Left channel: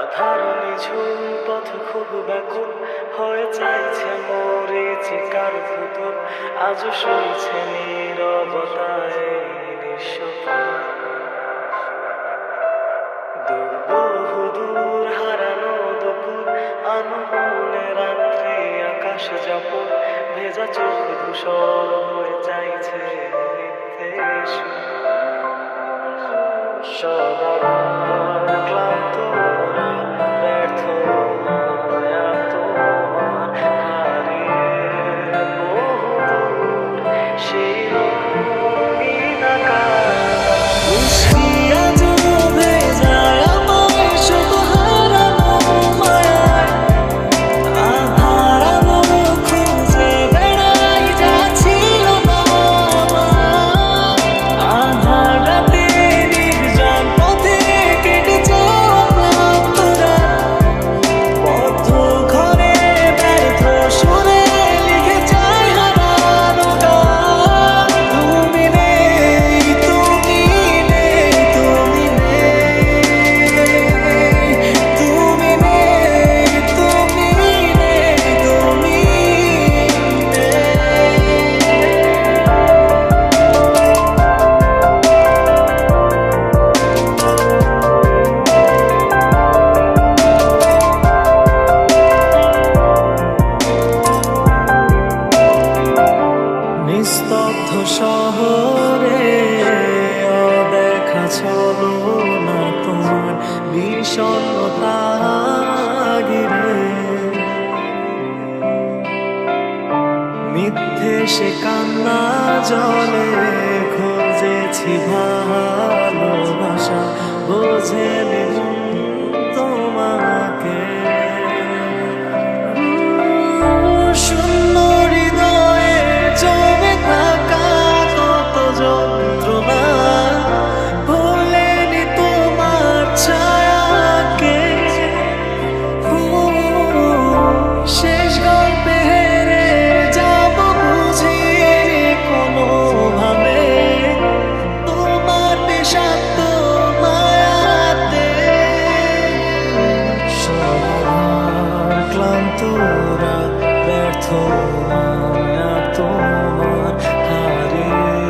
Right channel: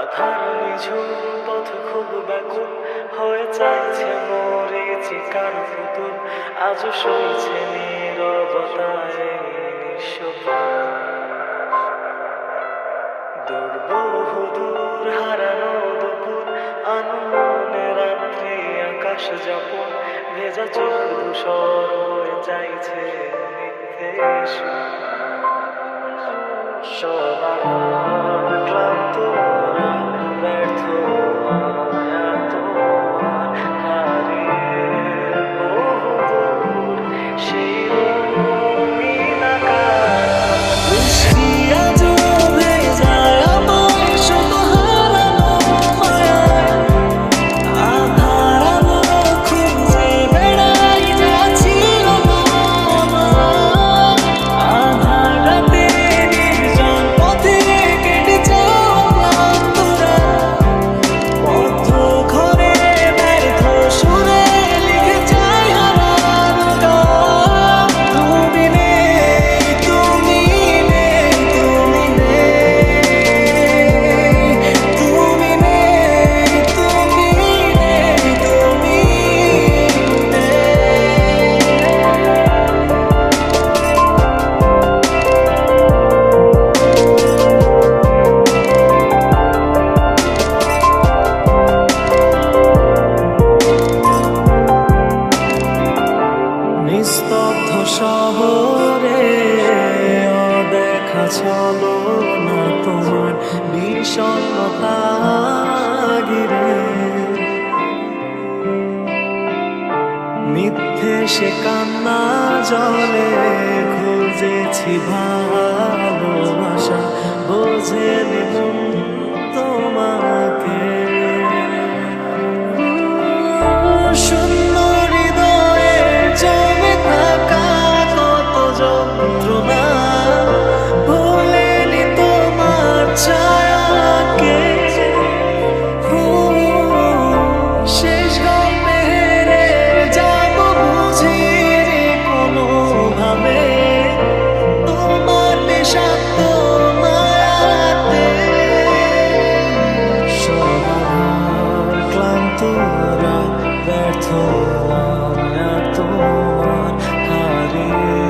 আধার নিঝুম, পথ খুব ব্যাকুল, হয়ে চাইছে মরিচিকার পুতুল আজ সইছে নীরবতায় দুর্বহু দূর হারানো দুপুর, আনমনে রাত্রি আকাশ যাপন, ভেজা চোখ ধূসর হয়ে চাইছে সুর। সবার শহরে, অদেখা ছলো না তোমার বিষণ্ণতা ঘিরে। মিথ্যে সে কান্না জলে খুঁজেছি ভালোবাসা, বোঝেনি মন ক্লান্ত রাত ব্যর্থ মায়া তোমার হারিয়ে